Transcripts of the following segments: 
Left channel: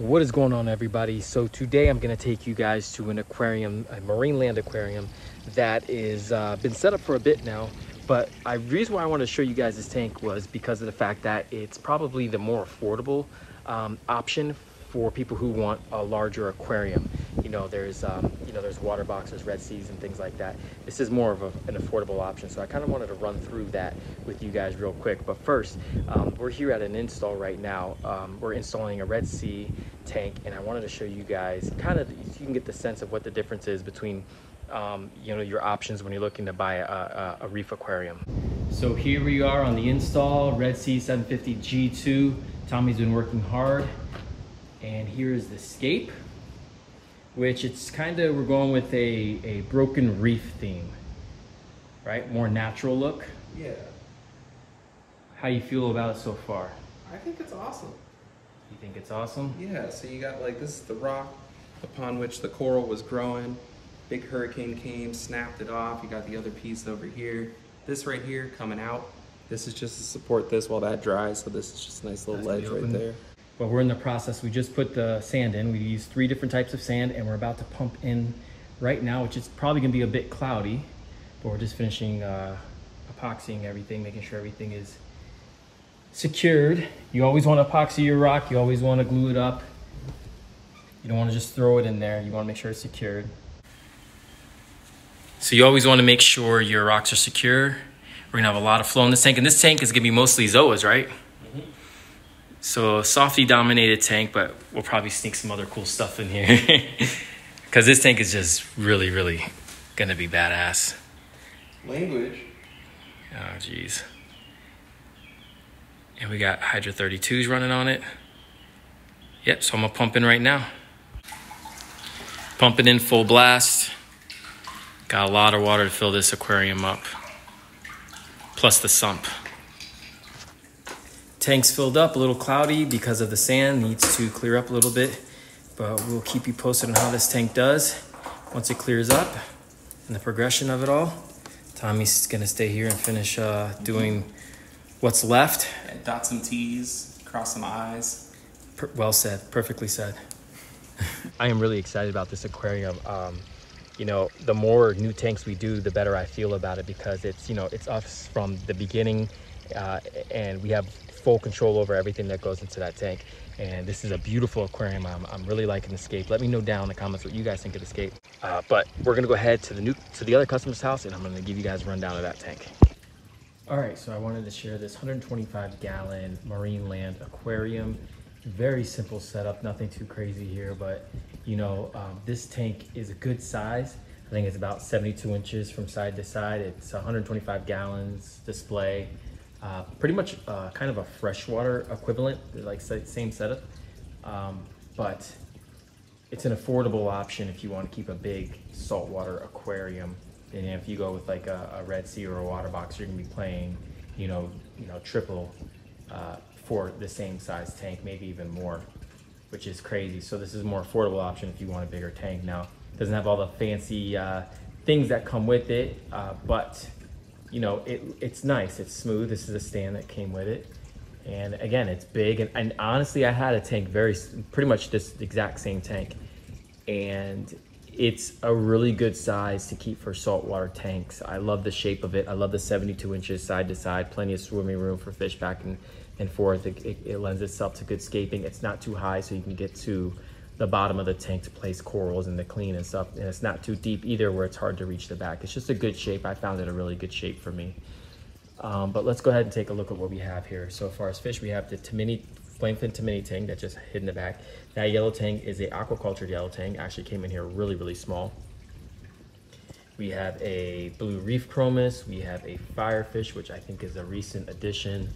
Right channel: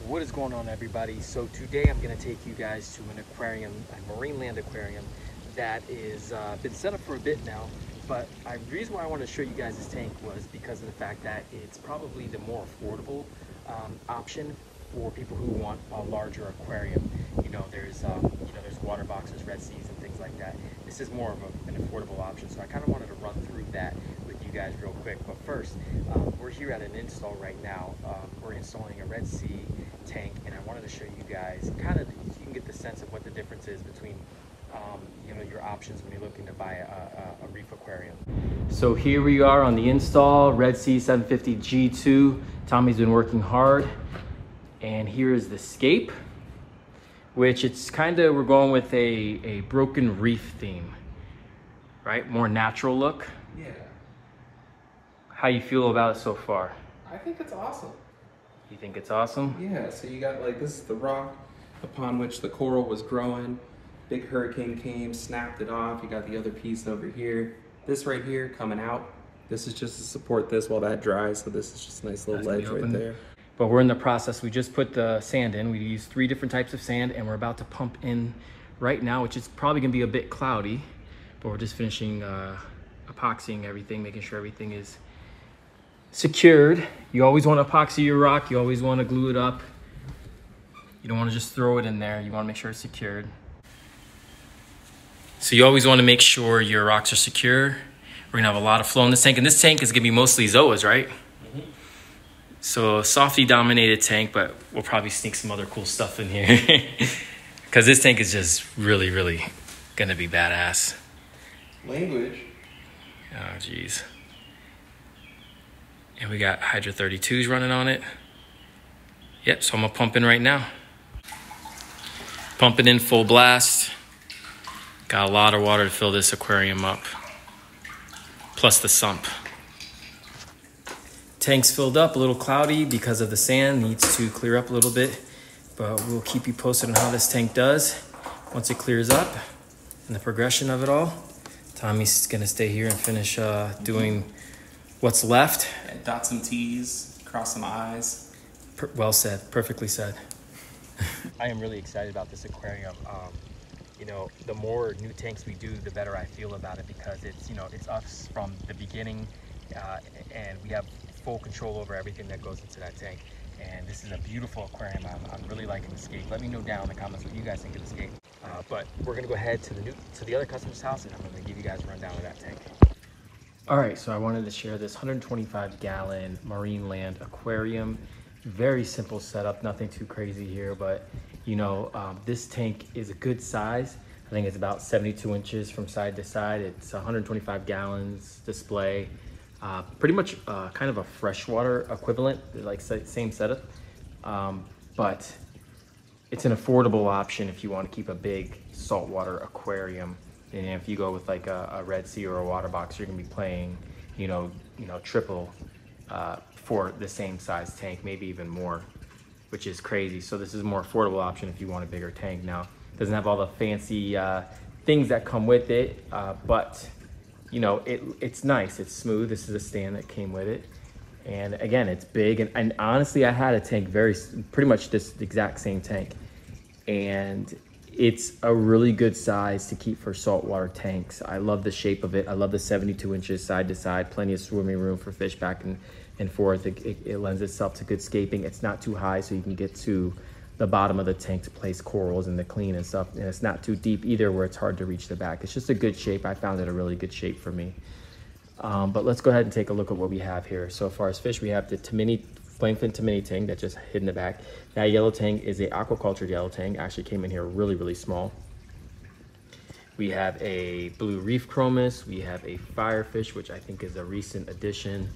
What is going on, everybody? So today I'm going to take you guys to an aquarium, a marine land aquarium that is been set up for a bit now. But the reason why I wanted to show you guys this tank was because of the fact that it's probably the more affordable option for people who want a larger aquarium. There's water boxes, Red Seas, and things like that. This is more of an affordable option, so I kind of wanted to run through that with you guys real quick. But first, we're here at an install right now. We're installing a Red Sea tank, and I wanted to show you guys kind of, so you can get the sense of what the difference is between your options when you're looking to buy a reef aquarium. So here we are on the install, Red Sea 750 G2. Tommy's been working hard, and here is the scape, which it's kind of, we're going with a broken reef theme, right? More natural look. Yeah. How you feel about it so far? I think it's awesome. You think it's awesome? Yeah, so you got this is the rock upon which the coral was growing. Big hurricane came, snapped it off. You got the other piece over here. This right here coming out. This is just to support this while that dries. So this is just a nice little ledge right there. But we're in the process. We just put the sand in. We use 3 different types of sand, and we're about to pump in right now, which is probably gonna be a bit cloudy, but we're just finishing epoxying everything, making sure everything is secured. You always want to epoxy your rock. You always want to glue it up. You don't want to just throw it in there. You want to make sure it's secured. So you always want to make sure your rocks are secure. We're gonna have a lot of flow in this tank, and this tank is gonna be mostly zoas, right? So softy dominated tank, but we'll probably sneak some other cool stuff in here because this tank is just really, really gonna be badass. Language. Oh, geez. And we got Hydra 32s running on it. Yep, so I'm gonna pump in right now. Pumping in full blast. Got a lot of water to fill this aquarium up, plus the sump. Tank's filled up, a little cloudy because of the sand, needs to clear up a little bit, but we'll keep you posted on how this tank does once it clears up and the progression of it all. Tommy's gonna stay here and finish doing what's left. And dot some T's, cross some I's. Well said, perfectly said. I am really excited about this aquarium. The more new tanks we do, the better I feel about it, because it's us from the beginning, and we have full control over everything that goes into that tank. And this is a beautiful aquarium. I'm really liking the scape. Let me know down in the comments what you guys think of the scape. But we're gonna go ahead to the other customer's house, and I'm gonna give you guys a rundown of that tank. All right, so I wanted to share this 125-gallon marine land aquarium. Very simple setup, nothing too crazy here, but this tank is a good size. I think it's about 72 inches from side to side. It's 125 gallons display. Pretty much kind of a freshwater equivalent, like same setup, but it's an affordable option if you want to keep a big saltwater aquarium. And if you go with like a Red Sea or a water box, you're gonna be paying, triple for the same size tank, maybe even more, which is crazy. So this is a more affordable option if you want a bigger tank. Now, it doesn't have all the fancy things that come with it, but it's nice, it's smooth. This is a stand that came with it. And again, it's big. And honestly, I had a tank pretty much this exact same tank. And it's a really good size to keep for saltwater tanks. I love the shape of it. I love the 72 inches side to side, plenty of swimming room for fish back and forth. It lends itself to good scaping. It's not too high, so you can get to the bottom of the tank to place corals and to clean and stuff. And it's not too deep either where it's hard to reach the back. It's just a good shape. I found it a really good shape for me. But let's go ahead and take a look at what we have here. So as far as fish, we have the plainfin Tamini tang that's just hid in the back. That yellow tang is a aquaculture yellow tang. Actually came in here really, really small. We have a blue reef chromis. We have a firefish, which I think is a recent addition.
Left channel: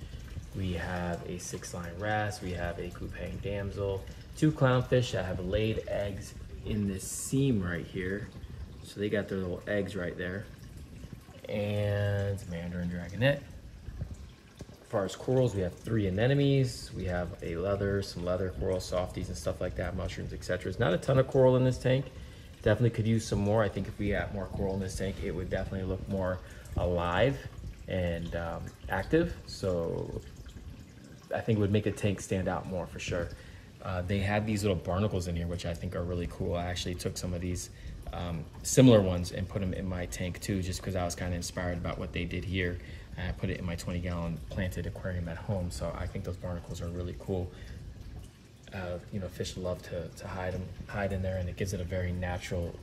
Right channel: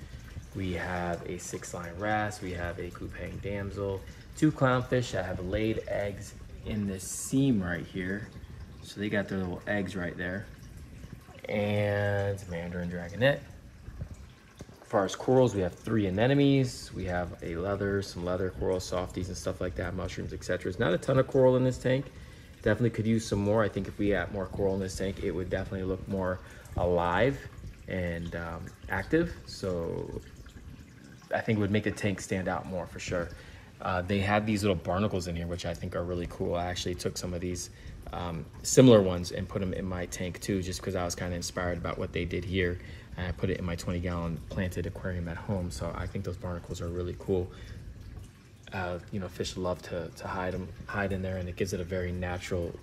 We have a 6-line wrasse. We have a Kupang damsel. 2 clownfish that have laid eggs in this seam right here. So they got their little eggs right there. And mandarin dragonet. As far as corals, we have 3 anemones. We have some leather coral, softies and stuff like that, mushrooms, etc. There's not a ton of coral in this tank. Definitely could use some more. I think if we had more coral in this tank, it would definitely look more alive and active. So I think it would make the tank stand out more for sure. They have these little barnacles in here, which I think are really cool. I actually took some of these similar ones and put them in my tank too, just because I was kind of inspired about what they did here. And I put it in my 20-gallon planted aquarium at home. So I think those barnacles are really cool. You know, fish love to hide in there, and it gives it a very natural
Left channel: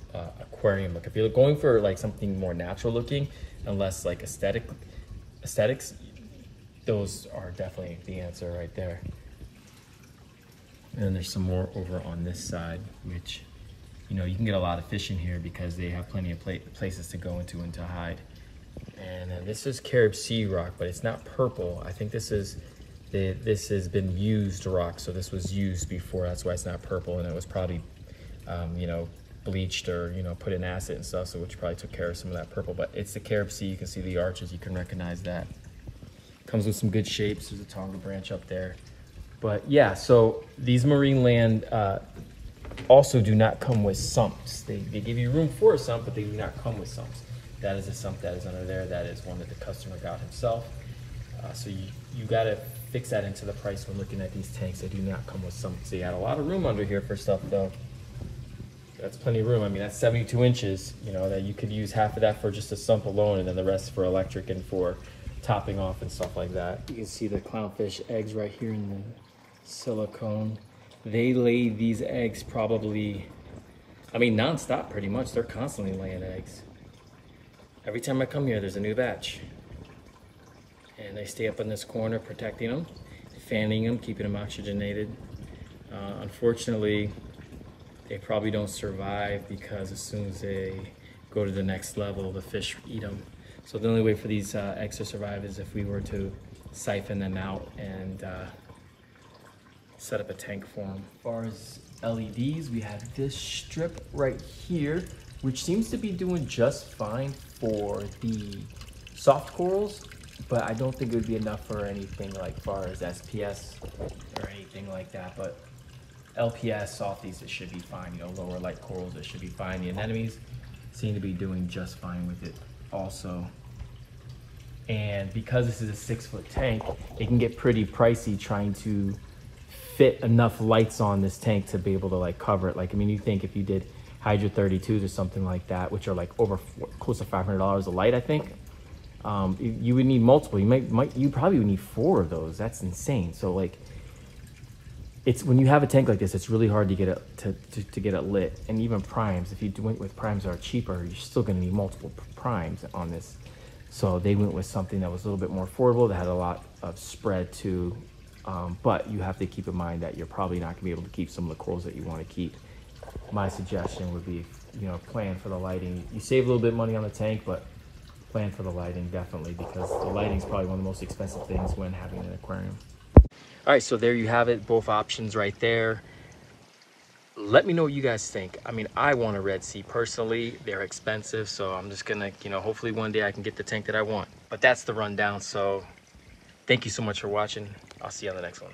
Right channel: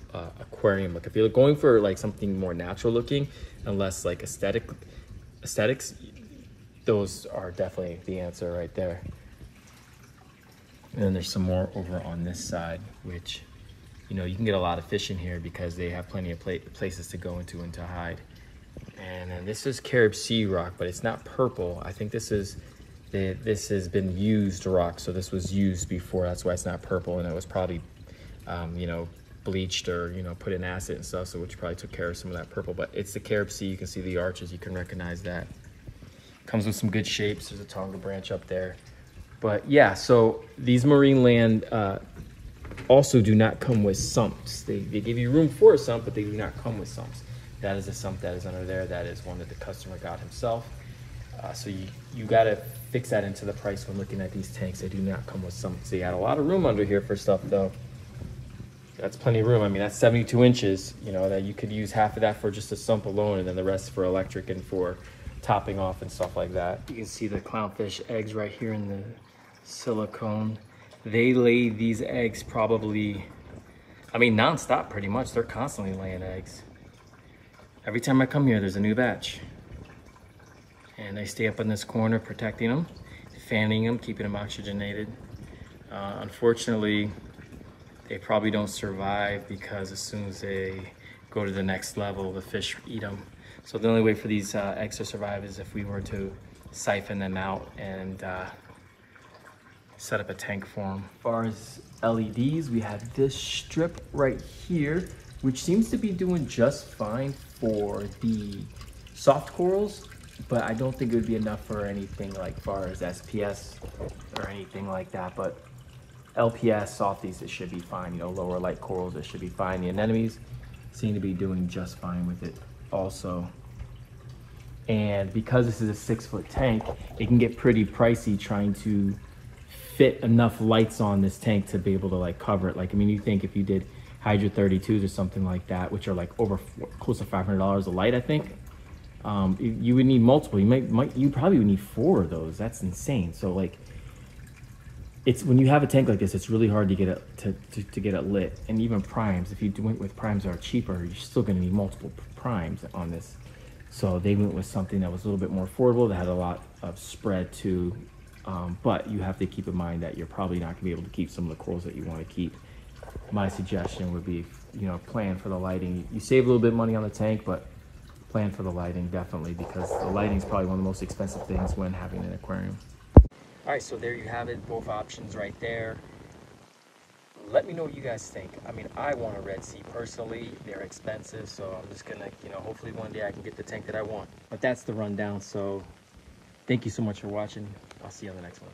aquarium look. If you're going for like something more natural looking and less like aesthetics, those are definitely the answer right there. And then there's some more over on this side, which, you know, you can get a lot of fish in here because they have plenty of places to go into and to hide. And this is Carib Sea rock, but it's not purple. I think this has been used rock, so this was used before. That's why it's not purple, and it was probably, you know, bleached or, you know, put in acid and stuff, so which probably took care of some of that purple. But it's the Carib Sea. You can see the arches. You can recognize that. Comes with some good shapes. There's a Tonga branch up there. But yeah, so these marine land also do not come with sumps. They give you room for a sump, but they do not come with sumps. That is a sump that is under there. That is one that the customer got himself. So you got to fix that into the price when looking at these tanks. They do not come with sumps. They add a lot of room under here for stuff though. That's plenty of room. I mean, that's 72 inches, you know, that you could use half of that for just a sump alone, and then the rest for electric and for topping off and stuff like that. You can see the clownfish eggs right here in the silicone. They lay these eggs probably, I mean, non-stop pretty much. They're constantly laying eggs. Every time I come here, there's a new batch. And they stay up in this corner protecting them, fanning them, keeping them oxygenated. Unfortunately, they probably don't survive because as soon as they go to the next level, the fish eat them. So the only way for these eggs to survive is if we were to siphon them out and set up a tank for them. As far as LEDs, we have this strip right here, which seems to be doing just fine for the soft corals, but I don't think it would be enough for anything like far as SPS or anything like that. But LPS, softies, it should be fine. You know, lower light corals, it should be fine. The anemones seem to be doing just fine with it also. And because this is a 6-foot tank, it can get pretty pricey trying to fit enough lights on this tank to be able to like cover it. Like, I mean, you think if you did Hydra 32s or something like that, which are like over close to $500 a light, I think, you would need multiple. You probably would need 4 of those. That's insane. So like, it's when you have a tank like this, it's really hard to get it to get it lit. And even primes, if you went with primes that are cheaper, you're still going to need multiple primes on this. So they went with something that was a little bit more affordable, that had a lot of spread too. But you have to keep in mind that you're probably not going to be able to keep some of the corals that you want to keep. My suggestion would be, you know, plan for the lighting. You save a little bit of money on the tank, but plan for the lighting definitely, because the lighting is probably one of the most expensive things when having an aquarium. All right, so there you have it, both options right there. Let me know what you guys think. I mean, I want a Red Sea personally. They're expensive, so I'm just gonna, you know, hopefully one day I can get the tank that I want. But that's the rundown, so thank you so much for watching. I'll see you on the next one.